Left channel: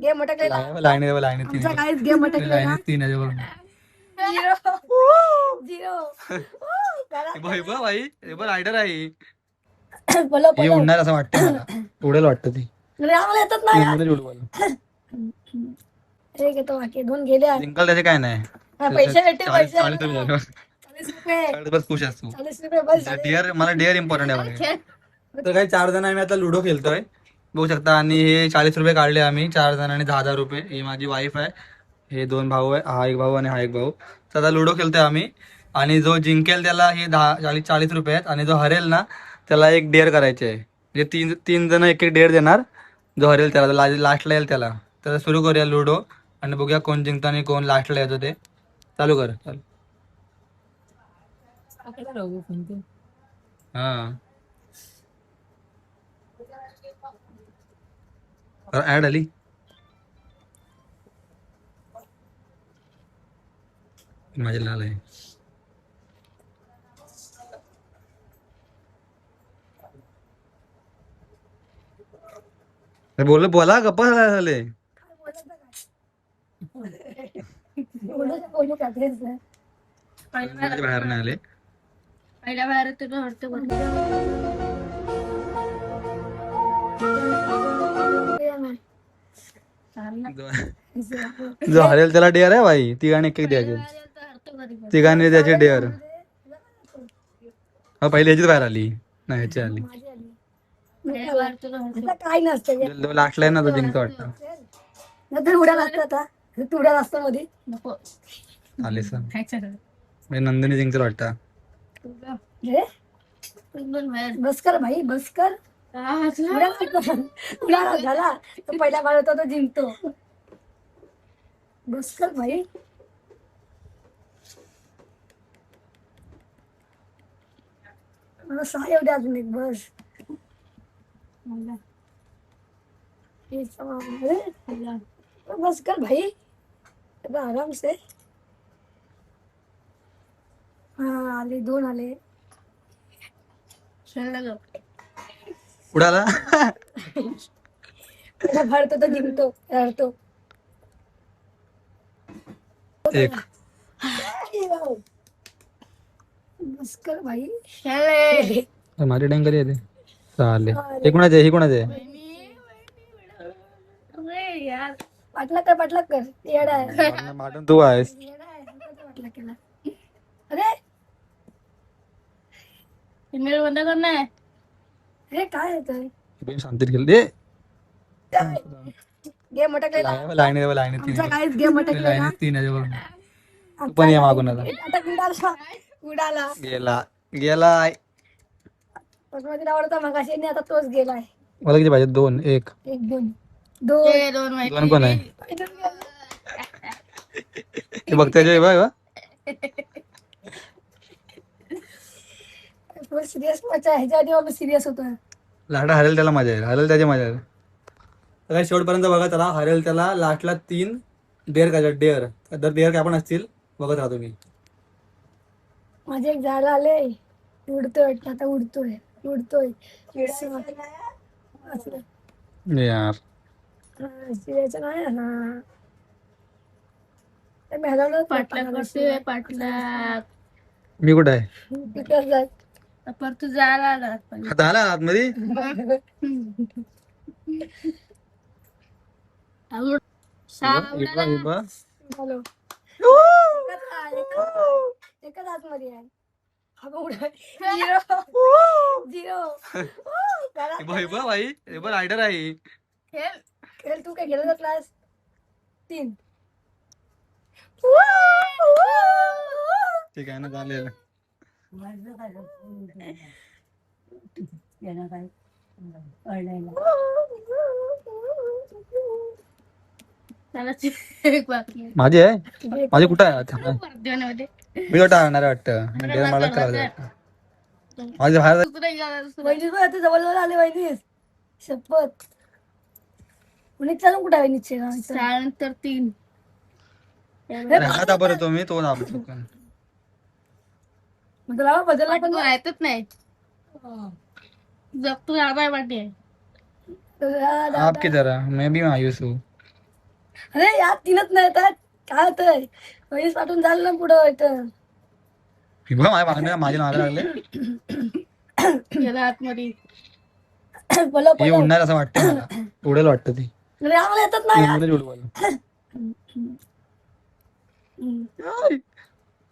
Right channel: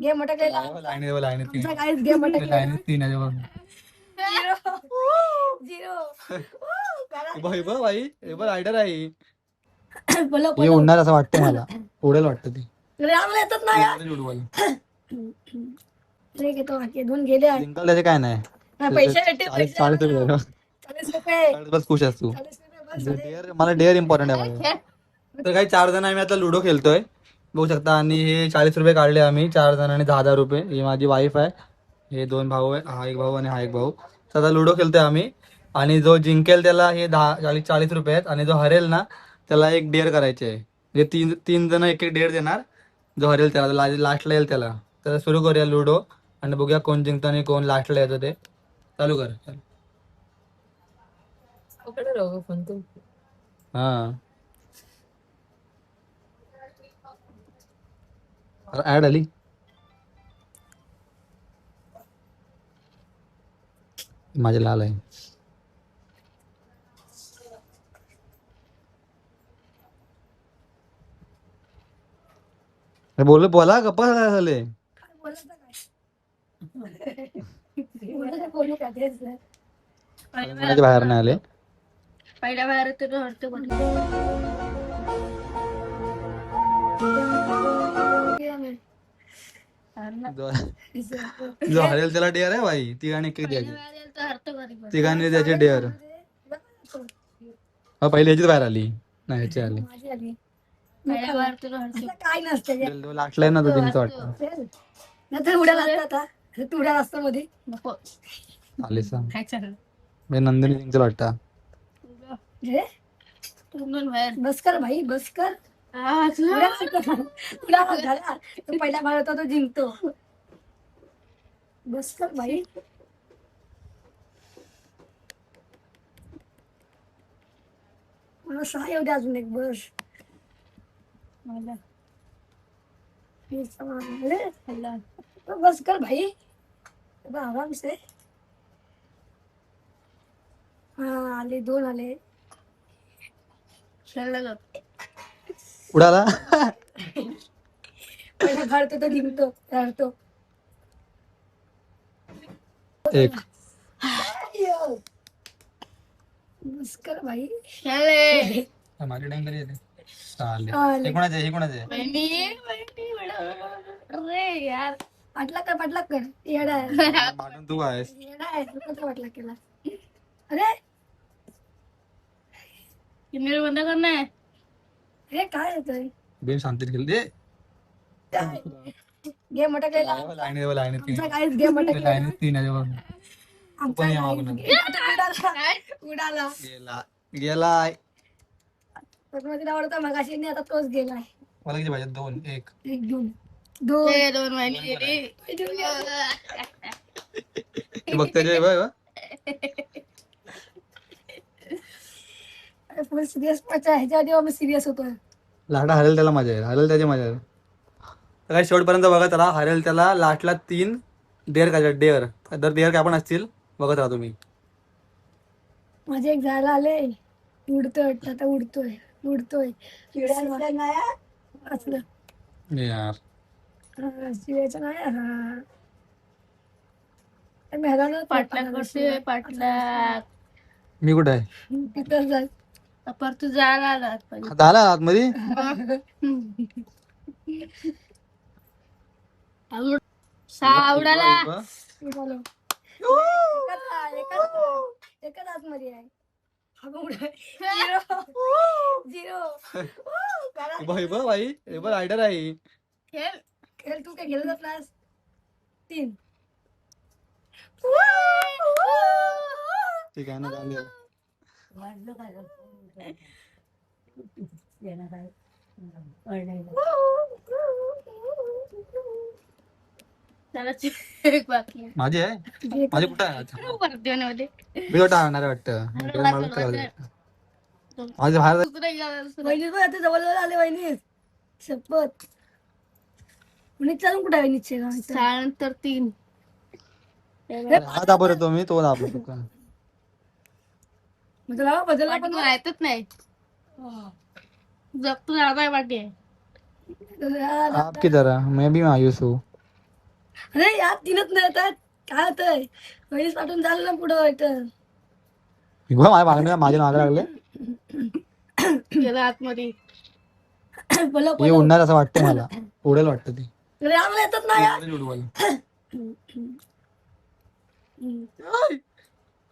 Game मोठा केला. Line आमचा काहीच गेम मोठा केला. 3 आहे बघ. झिरो भाई हे बघ रायडर आहे. बोलो हे उडणार असं वाटतं मला. उडेल वाटतं ती. आम्हाला येतच नाही. मध्ये उडवल. अरे घेतो बाकी दोन गेले आहे. जिंकल त्याचे काय नाही. पैसे भेटते. 40 रुपये झाले. 40 रुपये. बस खुश असतो. 40 रुपये बस झाले. डेअर मला डेअर इम्पॉर्टंट आहे. तर काही 4 जण आम्ही आता लुडो खेळतोय बघू शकता. आणि हे 40 रुपये काढले आम्ही 4 जणांनी 10,000 रुपये. ही माझी वाईफ आहे. हे 2 भाऊ आहे. हा एक भाऊ आणि हा एक भाऊ. तर आता लुडो खेळतोय आम्ही. आणि जो जिंकेल त्याला हे 40 रुपये आहेत. आणि जो हरेल ना त्याला एक डेअर करायचे आहे. म्हणजे तीन जण एक एक डेअर देणार. जो हरेल त्याला लास्टला येईल त्याला. तर सुरू करूया लुडो आणि बघूया कोण जिंकतं आणि कोण लास्टला येतो ते. चालू कर. हा ऍड आली. माझे लाल आहे. बोला गप्पा झाले. बाहेर नाही आले. पहिल्या बाहेर जो हरेल त्याला डेअर आहे भाई. तिघांनी एक एक द्यायचे. तिघांनी द्यायचे डेअर. हा पहिली ह्याचीच बाहेर आली. नाही ह्याची आली. काय नसतं लास्टला आहे ना तो जिंकतो वाटतं. नंतर उडाला असता. तू उडाला असता मध्ये आले नंदिनी जिंकतो वाटतं. बस कर भाई बस कर. झाला तो पहिला बार होता तो जिंकतो. बस कर भाई. मला 6 येऊ दे अजून एक बस. बस कर भाई आराम से. हा आले 2 आले. उडाला. पहिला भारत तो जिंकतो रडतो. एक बस कर भाई. माझी डँकर येते. चालेल. हे कोणाचे हे कोणाचे. पाटला कर येडा आहे. माटून तू आहेस. येडा आहे तू कसा पाटला केला. अरे ईमेल बंद कर ना. अरे काय येतोय. बेन शांतीत गेल दे. गेम मोठा केला. लाईन 3 आमचा काहीच गेम मोठा केला. लाईन 3 आहे बघ. आमचा पण या मागून आता. उडाला गेलाय. पद्मावतीला आवडता मगाशी नाही आता तोच गेलाय. मला किती पाहिजे. 2 1 1 2 दोन कोण आहे. ते बघताय बघ. सिरियस ह्याच्या आधी आम्ही सिरियस होतो. लाटा हरेल त्याला मजा येईल. हरेल त्याची मजा येईल. तर काही शेवटपर्यंत बघा त्याला. हरेल त्याला लास्टला 3 डेअर काय डेअर. दर डेअर काय पण असतील बघत राहा तुम्ही. माझे एक झाड आले. उडतोय आता उडतोय. यार चिडायचं नाही. पाटला मी कुठे आहे. पर तू जायला आता आला आतमध्ये. आवडाला एकच आतमध्ये आहे. भाई हे बघ रायडर आहे. तू काय गेला क्लास 3. ठीक आहे ना चालेल. माझी आहे. माझी कुठं आहे. मी कुठं आणणार वाटतं. मला करायचं. माझे बाहेर जवळ आले वहिनी शपथ. कुणी चालून कुठे आहे निश्चय त्यानंतर 3 आता बरं तो मी तो दाबलो चुकून. बदला पण माहितच नाही. जब तू जाता है बाटी है. आप किधर है. मैं भी मायूस हूँ. अरे यात तीनच नाही येतात काय होतंय वहिनीच पाठवून झालं ना पुढं इथं माझे नाग लागले गेला आतमध्ये. बोला हे उडणार असं वाटतं मला उडेल वाटतं ती अरे आम्हाला येतच नाही यार. उडेल उडवायला.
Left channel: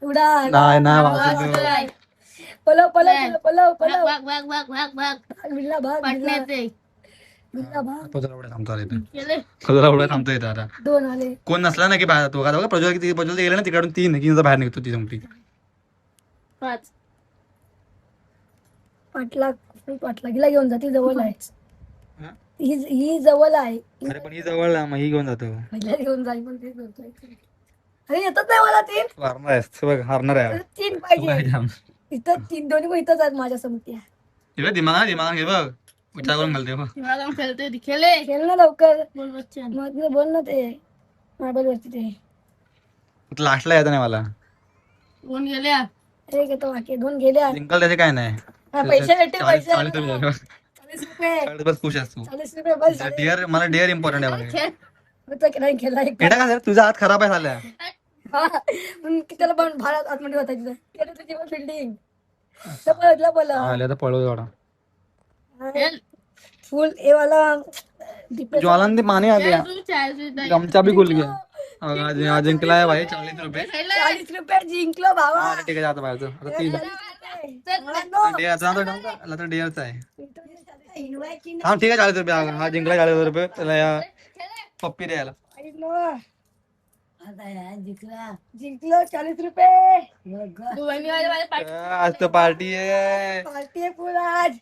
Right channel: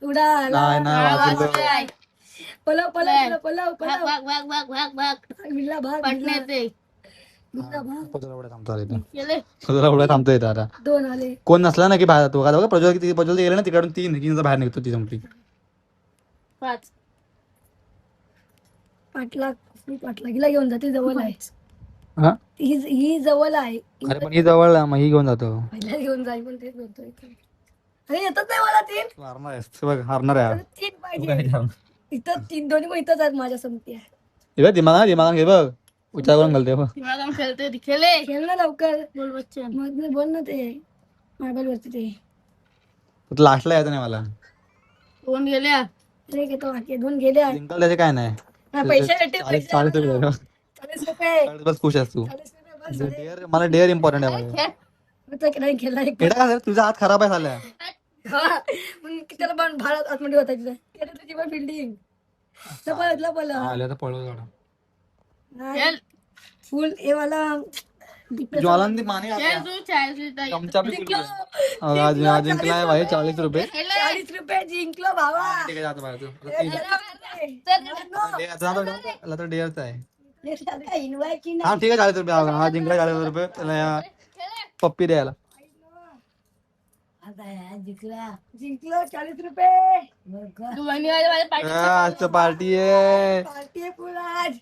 उडा नाही नाही आवाज वाजलं. काय? पलव पलव पलव भाग पलव भाग भाग भाग भाग भाग. बिल्ला भाग पटण्यात ते. बिल्ला भाग पजला उड्या थांबतो आता इथं गेले. पजला उड्या थांबतो इथं आता दोन आले कोण नसला ना की बाहेर जातो का प्रज्वल गेले ना तिकडून 3 की बाहेर निघतो ती जमती 5. पाटलागीला घेऊन जाते जवळ आहे हा ही जवळ आहे अरे पण ही जवळ आहे, मग ही घेऊन जातो पहिल्या घेऊन जाईल पण तेच बोलतोय अरे येतच नाही मला तीन हारणार आहेस तू बघ, हारणार आहे अरे तीन पाहिजे इथं तीन दोन्ही पण इथंच आहेत माझ्या समती आहे हे बघ दिमाग घे बघ विचार करून घालते बघ मला खेळते ती. खेळे. खेळ ना लवकर बोल बच्चन. मग बोल ना ते मोबाईल वरती ते लास्टला यायचं नाही मला कोण गेल्या? अरे घेतो बाकी दोन गेले जिंकल त्याचे काय नाही हा, पैसे भेटते 40 पैसे रुपये 40 रुपये बस खुश असतो 40 रुपये बस झाले. डेअर मला डेअर इम्पॉर्टंट आहे बघ. खेळ. होतं की नाही केला एक एटा का तुझा हात खराब आहे झाल्या हा मग त्याला पण भाडा आतमध्ये होता तिथं केलं तुझी पण बिल्डिंग बोला आल्या तर पळव थोडा खेळ. फुल ए वाला दीपेश ज्वालान ते पाणी आ खेळ गया तू 40 नाही. गमचा भी खुल गया आज जिंकला आहे भाई 40 रुपये खेळले. 40 रुपये जिंकलो भावा हा ठीक आहे जातो बाहेर आता तीन चल. डेअर तर डेअरचा आहे इन्व्हाय की हा ठीक आहे 40 रुपये हा जिंकला 40 रुपये त्याला या पप्पी द्यायला जिंकलो 40 रुपये तू बहिणीवाले माझ्या पाठी. आज तर पार्टी आहे पार्टी आहे पुरा आज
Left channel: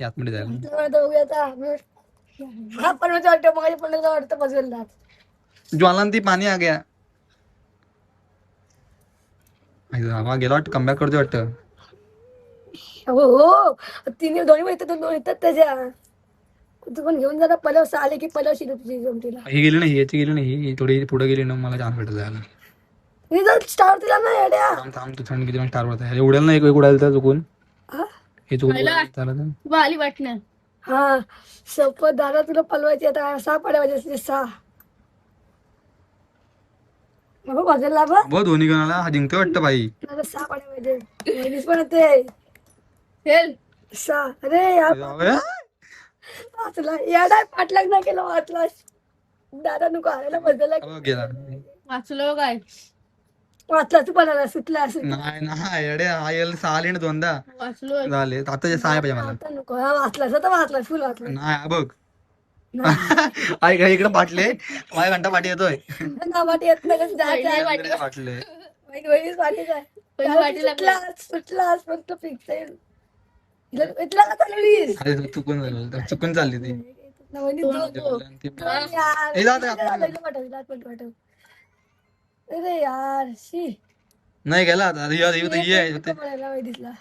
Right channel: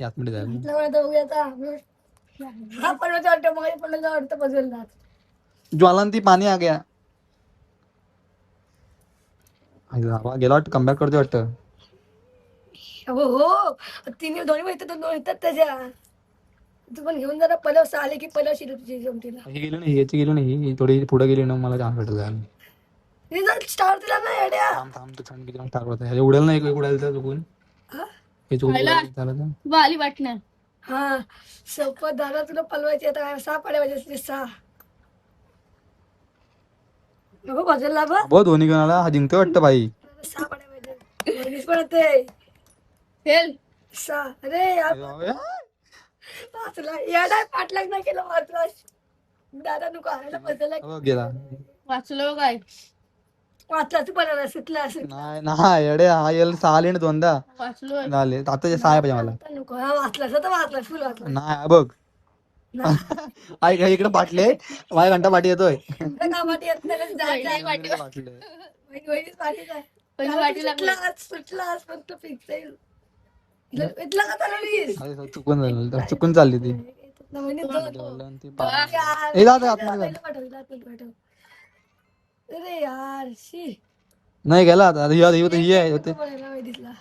यात मध्ये जायला इथलं दोघांचा हा पण वाटतं मग पण वाटतं पजलला ज्वालान ती पाणी आ गया गेला वाटतं कमबॅक करतो वाटतं हो हो तिने दोन्ही येतात दोन येतात त्याच्या तू पण घेऊन जरा पलव आले की पलव शिरू तुझी जमतीला ही गेली नाही याची गेली नाही ही थोडी पुढे गेली ना मला चान्स भेटत जायला रिझल्ट स्टार दिला ना येड्या थांब थांब तू थंड किती स्टार होता हे उडेल ना एक उडायला तर चुकून हा? हे चुकून खायला? उडायला चालत नाही. तू आली वाटण्या. हा सोपं दादा तुला पलवायचे आता 6 पड्या पाहिजे 6 नको बघायला बा बहुत धोनी घेऊन आला हा जिंकतो वाटतं भाई 6 पड्या पाहिजे वहिनीच पण होते खेळ. 6 अरे यार वाचला येडा पाटलाग नाही केलं वाचला दादा नको आलेला बदलला गेला वाचलो काय? वाचला तू पण सुटला नाही नाही अडे हा येईल 6 आले ना दोनदा वाचलो. झाले आता 6 आहे पाहिजे मला आता नको हा वाचला तर वाचला फुल वाचला नाही बघ आई काही इकडे पाटले माझ्या घंटा पाठी येतोय का वाटी येत नाही पहिली वाटी. पाटले वहिनीच वाटी जाय पहिली वाटी लागली. सुटला फक्त फिक्स आहे इथला का चाललीस अरे चुकून झालं चुकून चालली ती वहिनी ज्वालान ती यार. हे जाऊ दे, आतमध्ये पहिलं पाठव, आतमध्ये पाठव. अरे यार शी नाही गेला आता ही आहे होते पडायला वहिनीला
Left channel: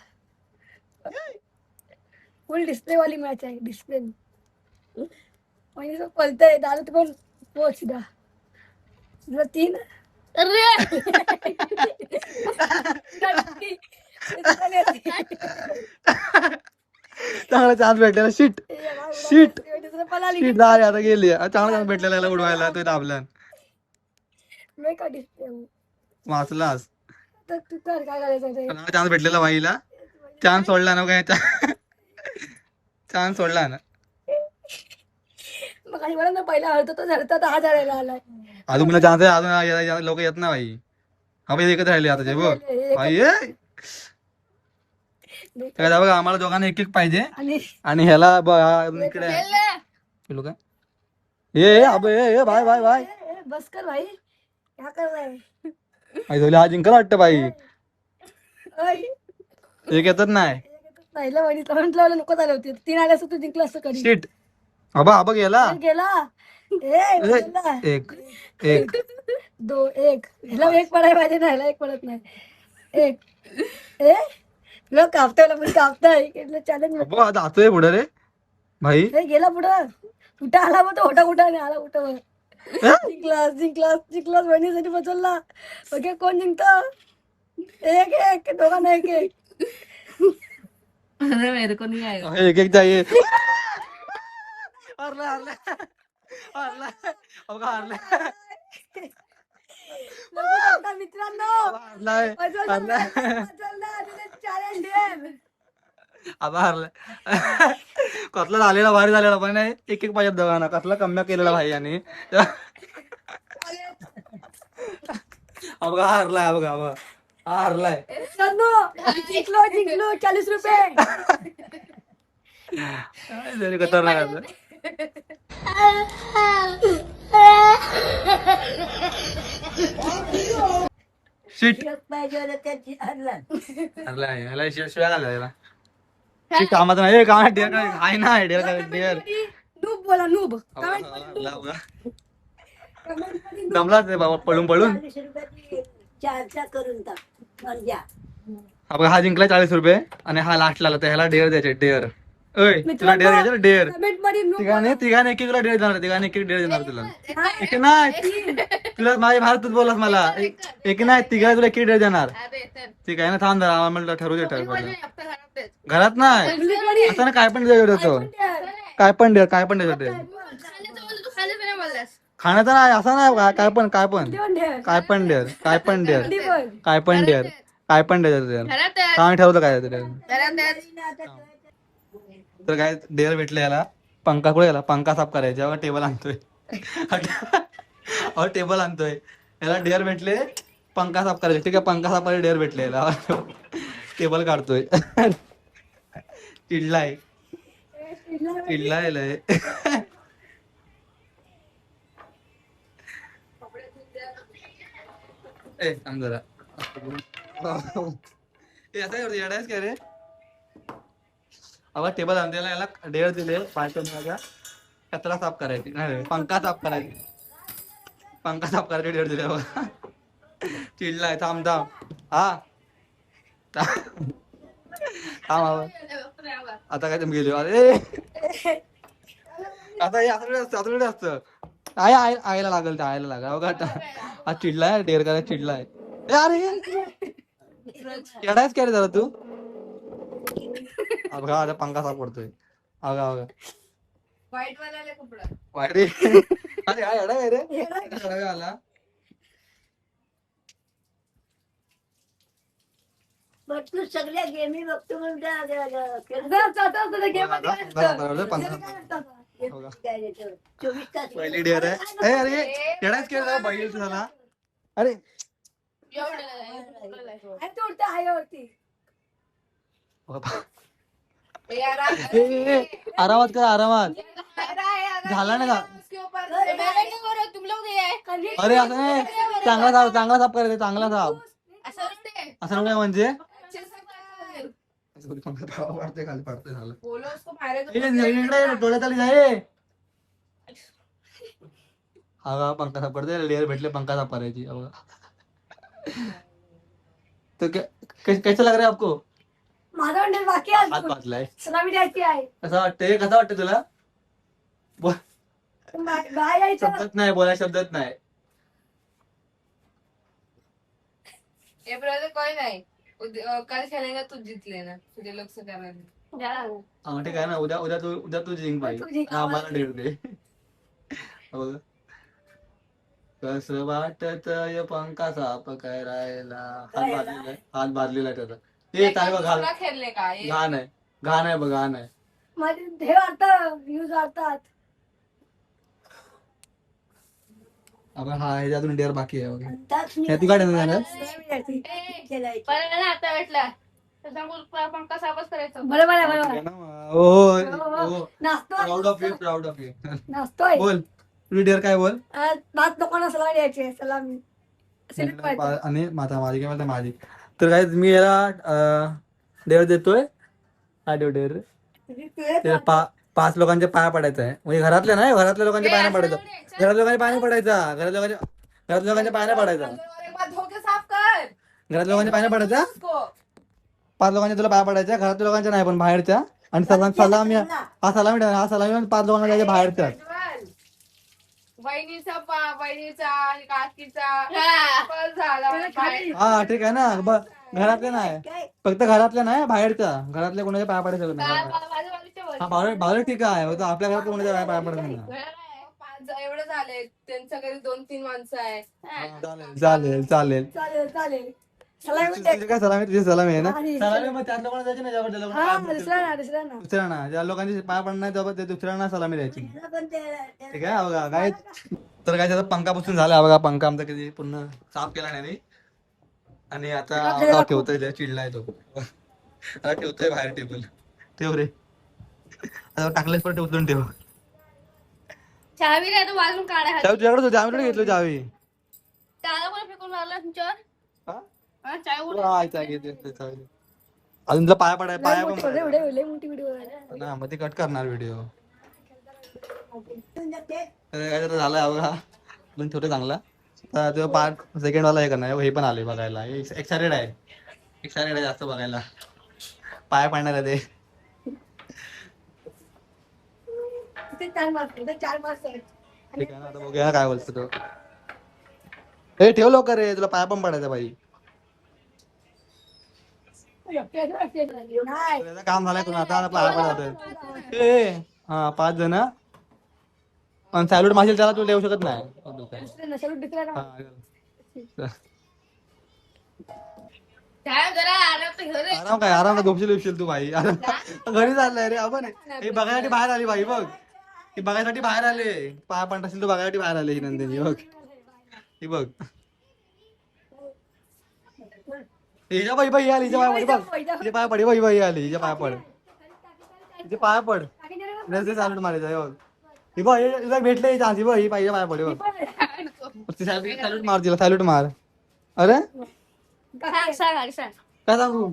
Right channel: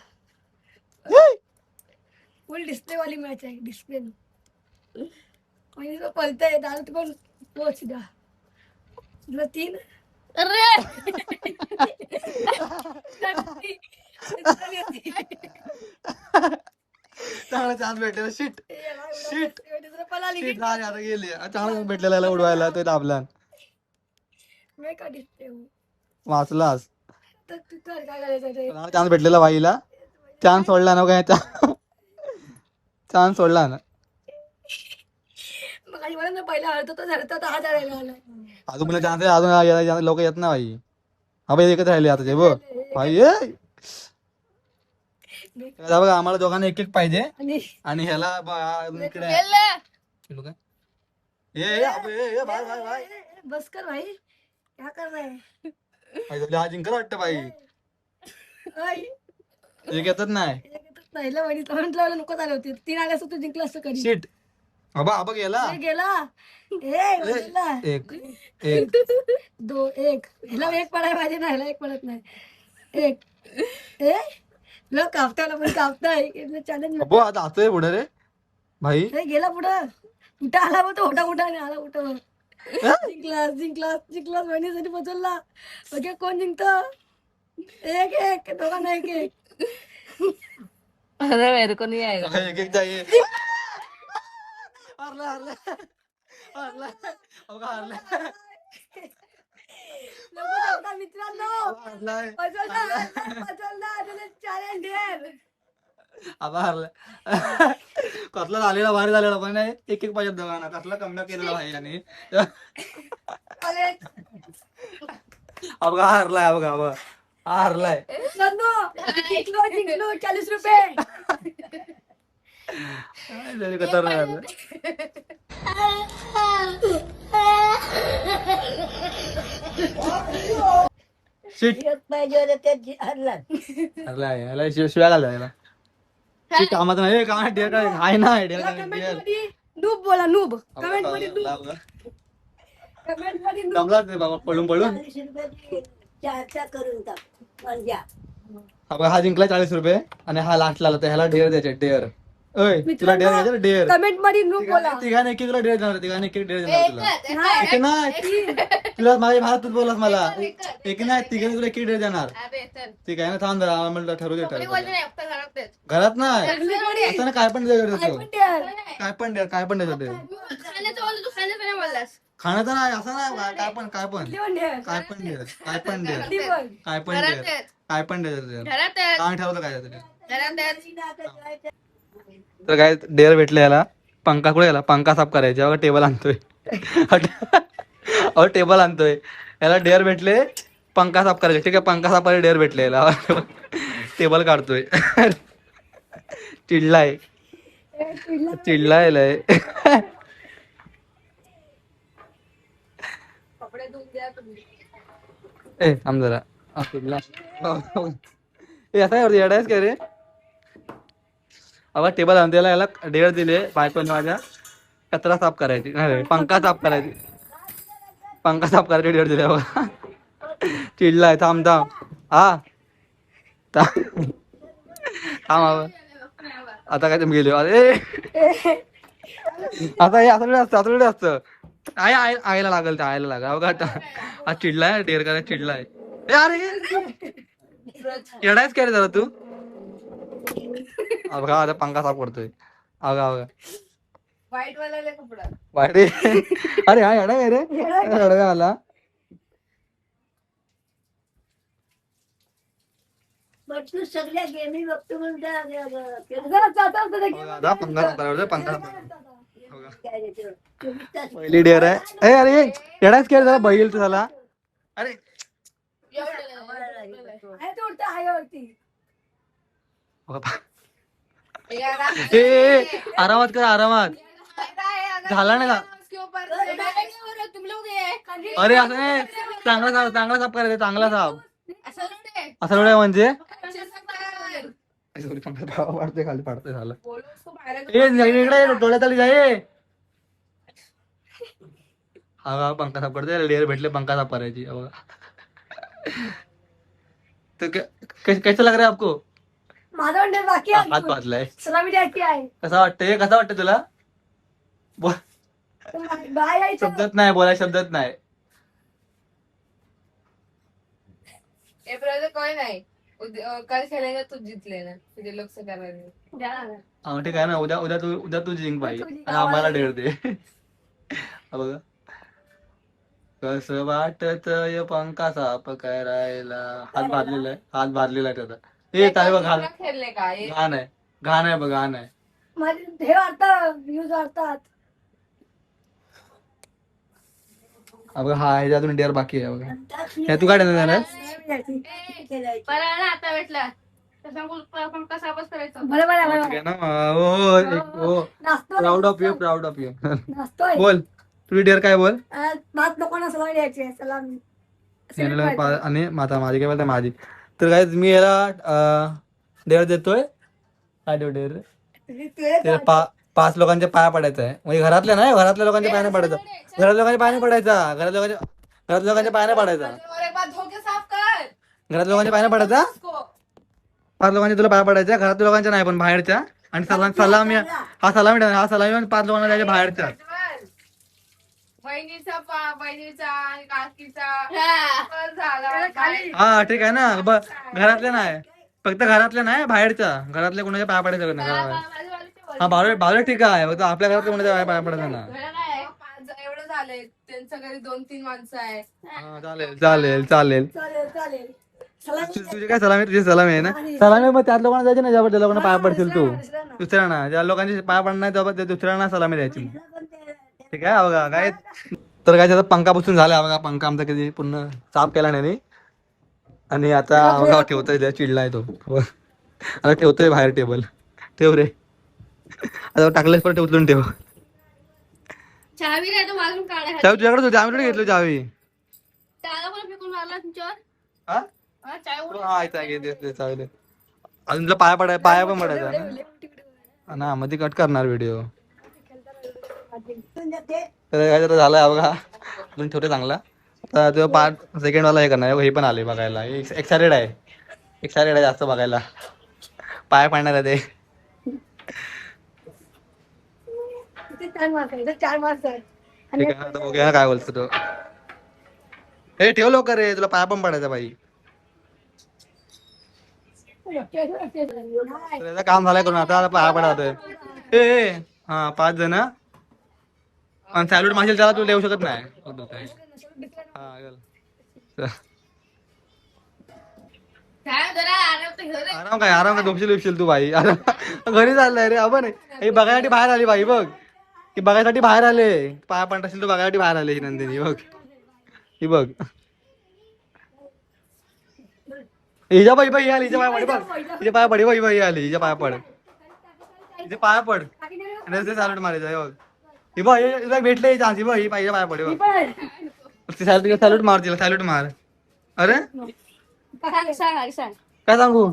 फुल डिस्प्ले वाली मॅच आहे डिस्प्ले वहिनी पलतय दादा तू पण पोच दा तुला 3 अरे चांगला चान्स भेटलेला शीट शीट शीट झाली आता गेली चांगला चान्स भेटलेला याला उडवायला तो दाबला मी का डिस्प्ले वाचलास तर तू कर काय करायचं ते चांगला चान्स भेटलेला बाईला चान्स सोडला ना काय चान्स सोडला ना मग आणि मला ना पहिला हरतो तो झरता तर हा झरायला आलाय अजून मला चान्स आहे अजून लोक येत ना भाई हा भाई एकच राहिले आता बघ भाई काय बघा आम्हाला दोघांना एक एक पाहिजे आणि आणि ह्याला इकडे खेळले. केलो काय ए अबे ए बाय बाय बाय बस कर भाई क्या कर रहा है आई धोली हा जिंकला वाटतं बाई ओय, एक येतच नाही पहिलं वहिनी तोंड लावलं नको झाले होते 3 आले असं तू जिंकलं असं कधी शीट अबा गेला गेला गेला एक एक 2 1 हिला 1 पडाय पाहिजे ना हिला 1 पडत नाही 1 ए लोक कापताय पण कापताय चॅलेंज अबो आता जातोय पुढे रे भाई गेला पुढं कुठं आला मग तो होता कुठं नाही आला कुठं जिंकलास वहिनीसाठी बदलला बघे कोण जिंकत 1-1 दोघांना 1-1 अरे मेरे को नहीं आएगा. एक एक चाहिए हरले हरले हारलाय अबघा हारलाय मित्रांनो हारलाय हारलाय चॅलेंज आता हारलाय कसला झालेला भारी झालेला पण नाही एक एक पाहिजे दोघांना कसला कम्या केलेला भाई आणि अबघा हारलाय अबघा अबघा हा हारलाय जिंकलो जिंकलो 40 रुपये तरी खतरनाक असं. Shit. हारलाय ह्याला शिव्या घाल याला कामात नाही कामात डेअर काय हाय ना डेअर काय डेअर नूब बोला नूब कमेंट मध्ये कमेंट मध्ये दमलाच रे बाबा पळून पळून हा जिंकला 40 रुपये आणि हा लास्ट ला ह्याला डेअर द्यायचे डेअर ओय तुला डेअर घ्यायचं डेअर कमेंट मध्ये नूब तिघाने एक तुला डेअर देणार तिघाने एक डेअर देणार तुला एक नाही तुला माझी भाषा तूच बोललास मला एक नाही तिघा तुला एक डेअर देणार ठीक आहे ना थांब जरा म्हणलं ठरवू दे घरात नाही असं ना काय पण द्यायचं काय पण डेअर काय पण द्यायचं खाण्याचं नाही असं नाही काय पण काय पण काय पण डेअर काय पण डेअर काय पण डेअर काय पण द्यायचं काय ठरवलं काय तर काय डेअर भेटले याला पंखा कुठे गेला पंखा साफ करायचा अगं टेबल आणतोय अहो टेबल आणतोय याला डेअर भेटले पंखा साफ करायचे ठीक आहे पंखा साफ करायला डेअर भेटले याला टेबल काढतोय चिडलाय चिडलाय लय ए थांब जरा ए आता येडायच काय रे अबा टेबल आणून याला डेअर दिले बायकोने माझ्या कचरा साफ करायची नाही पंखा साफ करायची पंखा साफ करायची डेअर दिले बघा चिडलाय थांब थांब हा थांब आता काय तुम्ही गेले अरे आता हे असं असतं असतं आईला लागल त्या आईला लागल बघा हा चिडलाय डेअर करायला चिडलाय अरे येडायच काय रे जरा तू बघा आता पंखा साफ करतोय अवघा अवघा वाईट अरे हा येडा काय रे आला सगळ्या गेमी बघतो पहिली डेअर आहे अरे येडाच केलं झाला बैल तर झाला अरे आरामात कर आरामात झाला ना का अरे असं नाही चांगला साफ करायचं चांगला साफ असं एवढं म्हणजे खाली पाडतोय झालं इकडे डोळ्यात आली जाय हा पंखा साफ करते डेअर भेटले पंखा साफ करायची तो कैसा लग रहा है आपको हात बांधलाय कसं वाटतंय तुला शब्दात नाही बोलाय शब्दात नाही काय नाही काल खेळायला तू जिंकले ना तुझे लक्ष करायला ठीक आहे ना उद्या तू जिंक बाई आणि आम्हाला डेअर दे बघा कसं वाटत पंखा साफ करायला हात भाजलेला आहे त्याचा ते काय बघ घाण खेळले का घाण आहे बघ घाण आहे माझे हे वाटतात व्ह्यूज वाटतात बघा हा ह्याच्यातून डेअर बाकी आहे बघा हे तू काय देणार प्राऊड ऑफ यू नाचतोय बोल तुझी डेअर काय बोल भात लोकांना सलामी द्यायची सलामी आणि माता माझी काय बोलते माझी तर काय मी याला डेअर देतोय काय देऊ डेअर 5 लोकांच्या पाया पडायचं आहे म्हणजे घरातल्या नाही घरातल्या लोकांच्या पाया पडायचं घरातल्या लोकांच्या पाया पडायचा घरातल्या लोकांच्या पाया पडायचा घरातल्या लोकांच्या पाया पडायचा 5 लोकांच्या तुला पाया पडायच्या घरातल्या लोकांच्या नाही पण बाहेरच्या आणि सलामी हा सलामी 5 लोकांना द्यायच्या बाहेरच्या हा ठीक आहे ना घरातल्या नाही फक्त घरातल्या नाही बाहेरच्या घरातल्या कोणाच्या पाया पडायचं नाही हा बावळे ठीक आहे आपल्या घरातल्या कोणाच्या पाया पडायचं ना एवढं झालंय त्यांच्या घरी 2-3 माणसं आहेत. हा, चालेल चालेल चालेल चालेल चालेल सलामी तुझी काय सलामी तुझी सलामी आहे ना आणि- सलामी मग त्या लोकांना जायचे ना ज्या त्या लोकांना पाया हा, पडतील तू दुसऱ्यांना. दुसऱ्यांना ज्या लोकांची पाया पडणार नाही तेव्हा ते दुसऱ्यांना सलामी द्यायची पण ते- ठीक आहे बघा काय तर काय त्याचा पंखा पुसून झाला बघा पंखा आमचा कधी पूर्ण साफ केला नाही नी. आणि आता बघा ठेवतोय त्या चिडलाय तो आता ठेवतोय बाहेर टेबल ठेव रे आता टाकलेस पण उचलून ठेव चावी नाही तर वाजून काढा चावी तुझ्याकडे होती आम्ही घेतलो चावी त्याला कोण फेकून मारला तुमच्यावर हा? चावी हो, आहे, घे, दे, चावी दे. अजून तुला पाया पडाय पाया पण पडायचा ना. लय मोठी व्हिडिओ आहे. ना मध्ये कट करणार व्हिडिओ ते- तर काय तर झालं बघा अजून ठेवते चांगला आता तो पार्ट सेकंड वाला हे करणार हे पण आले बघायला एक्सायटेड आहे एक्सायटेड आहे जास्त बघायला पाया पाडणार आहे ते इथे 4 मार्क्स आहे, इथे 4 मार्क्स आहे. ठीक आहे आता बघूया काय बोलतो तो हे ठेव लवकर रे तुला पाया पण पडायचा बाई नाही. तर याचं काम झालंय करून आता पाया पडत ए हा 5 जण आणि सॅल्यूट मागील त्याला तू देऊ शकत नाही नशा दुसऱ्याला हा, चल. काय जरा आराम तर घेऊ रे. आराम काय झोपशील बिपशील तू बाई आराम घरी चाललाय रे आपण हे बघायसाठी बाहेर आली बाई बघ ही बघायसाठी बाहेर आले पाया पण असेल तर बघायसाठी बाहेर आले ही नंदिनी बघ ही बघ हिच्या बाई बाई आली हिच्या पाया पड बघ हिच्या पाया पडी बाई बाई आली हिच्या पाया पड हिचे पाया पड आणि सॅल्यूट मारायचं हे बघ ही बघ हिला भेटले चान्स ही बघ ही पाहिजे पाया पडे बघ सॅल्यूट मार तिला सॅल्यूट मार अरे सांग सांग सांग काय सांगू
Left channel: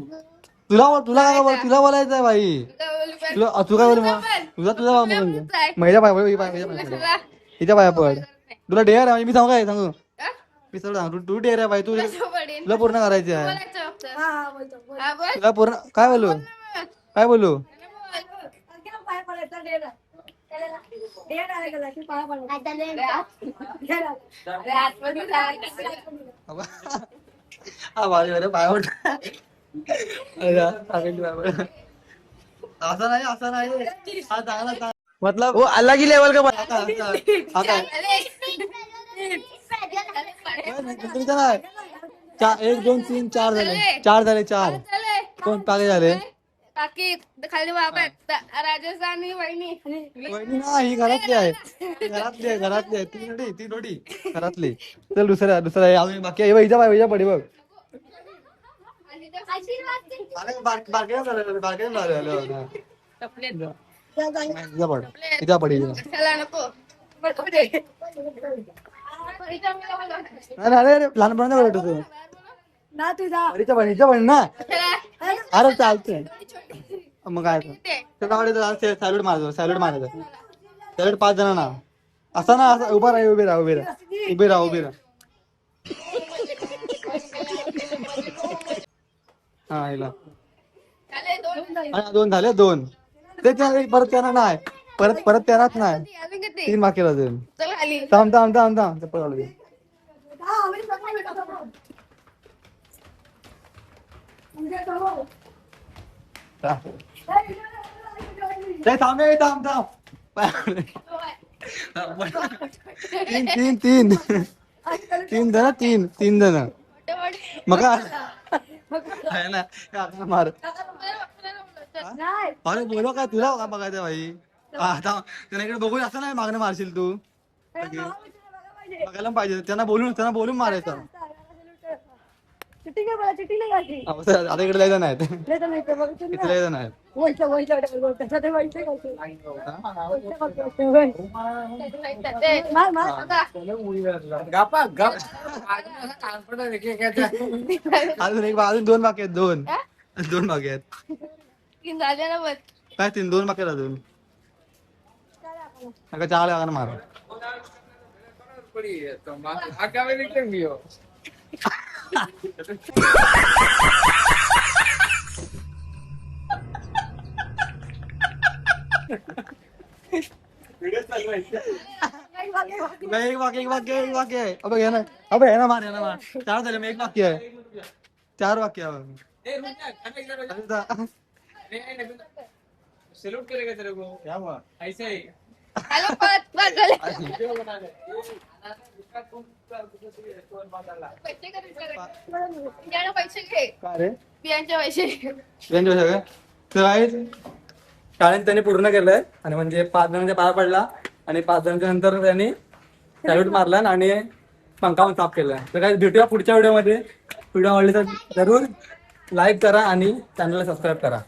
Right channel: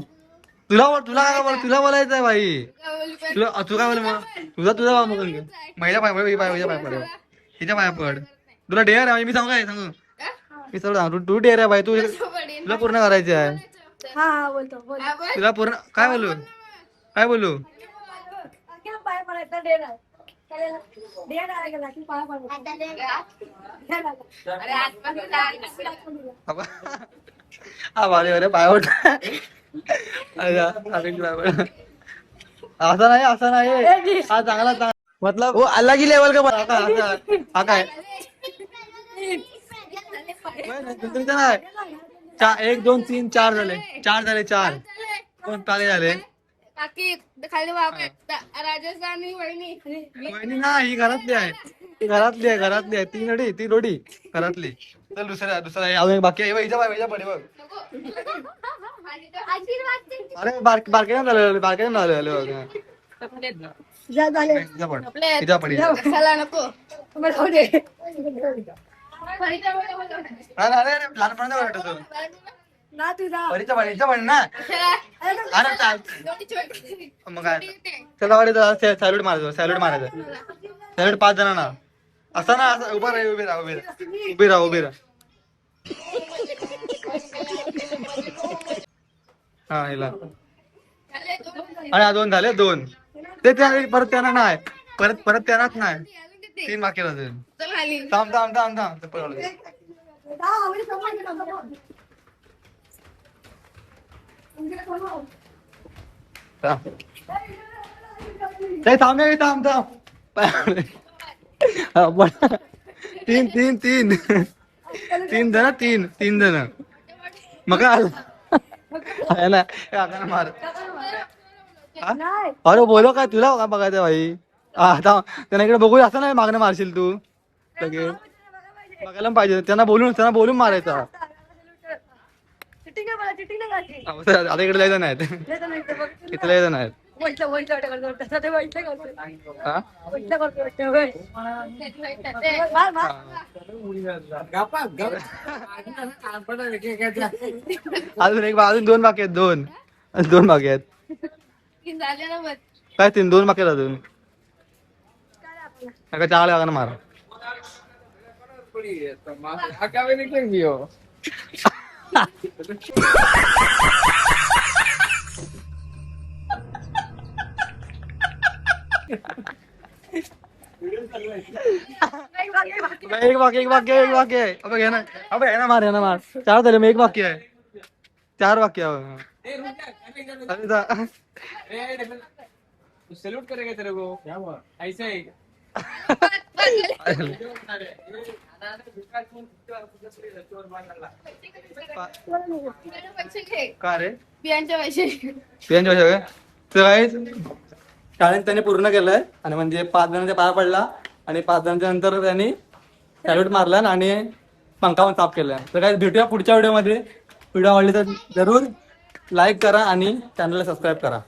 तुला तुला काय बोल तुला बोलायचं आहे बाई तुला तू काय बोल मग तुझा महिला पाय पड हिच्या पाया पड हिच्या पाया पड तुला डेअर आहे मी सांगू काय सांगू मी सगळं सांगू तू डेअर आहे बाई तू तुला पूर्ण करायची आहे हा बोलतो बोल. तुला पूर्ण काय बोलू काय बोलू क्या पाया पडायचा डेर आहे. त्याला डेर आहे का की पाया पडायचा डेर आहे. अरे आतमध्ये जायचं. हा भारी बरे पाय पड असा नाही असा नाही हा चांगला मतलब वो अलग ही लेवल का हा काय नाही 1 2 3 4 झाले 4 कोण ताले झाले काकी खाली बाबा आहेत. राजस्थानी वहिनी वहिनी ना ही घरातली आहे घरातली आहे ती रोडी घरातली चल दुसऱ्या अजून एक बाकी आहे हिच्या पडी बघ अरे बारके झालं जा झाले. हिच्या पडी कशाला नको तुम्हाला खाऊ दे. अरे लहानपणा वाटत तू ना तुझा परीच्या पण ना अरे चालतंय मग काय चला वाडी सॅल्यूट मारायचं सॅल्यूट 5 जणांना असं ना असं उभा राहा हा हिला अरे 2 झाले 2 ते परत त्यांना नाही परत त्यांनाच नाही 3 बाकी अजून चल खाली थांब चप्पल घालू दे. थांब ते थांब तीन जण मग काय आहे ना हे आकाने मार अरे बोलो काय तुला का बघायचं भाई आता त्यांना इकडे बघू असं नाही मागणं मारशील तू लगेच बघायला पाहिजे त्यांना बोलून मारायचा आता इकडे जायचं नाहीत इथे जायचं नाहीत अजून 2 बाकी आहेत 2 बाकी आहेत झाले ना बस काय 2 बाकी आहेत अजून नका 4 लागा मार एक वाक्य आहे अबे हे ना मार 4 झाले मग 1 वाक्य आहे 4 वाक्य सैल्यूट करेगा तेरे को ऐसे ही हॅलो पळत झाले. पैसे कधी बियाणं पैसे घे. का रे बियांचे पैसे. बियांचे पैसे तर काय शाळेत त्यांनी पूर्ण केलंय आणि म्हणजे 5 जणांच्या पाया पडला आणि 5 जणांच्या नंतर त्यांनी सॅल्यूट मारला आणि पंखा पण साफ केलाय. तर काय भेटूया पुढच्या व्हिडिओमध्ये. व्हिडिओ आवडली तर जरूर लाईक करा आणि चॅनलला सबस्क्राईब करा.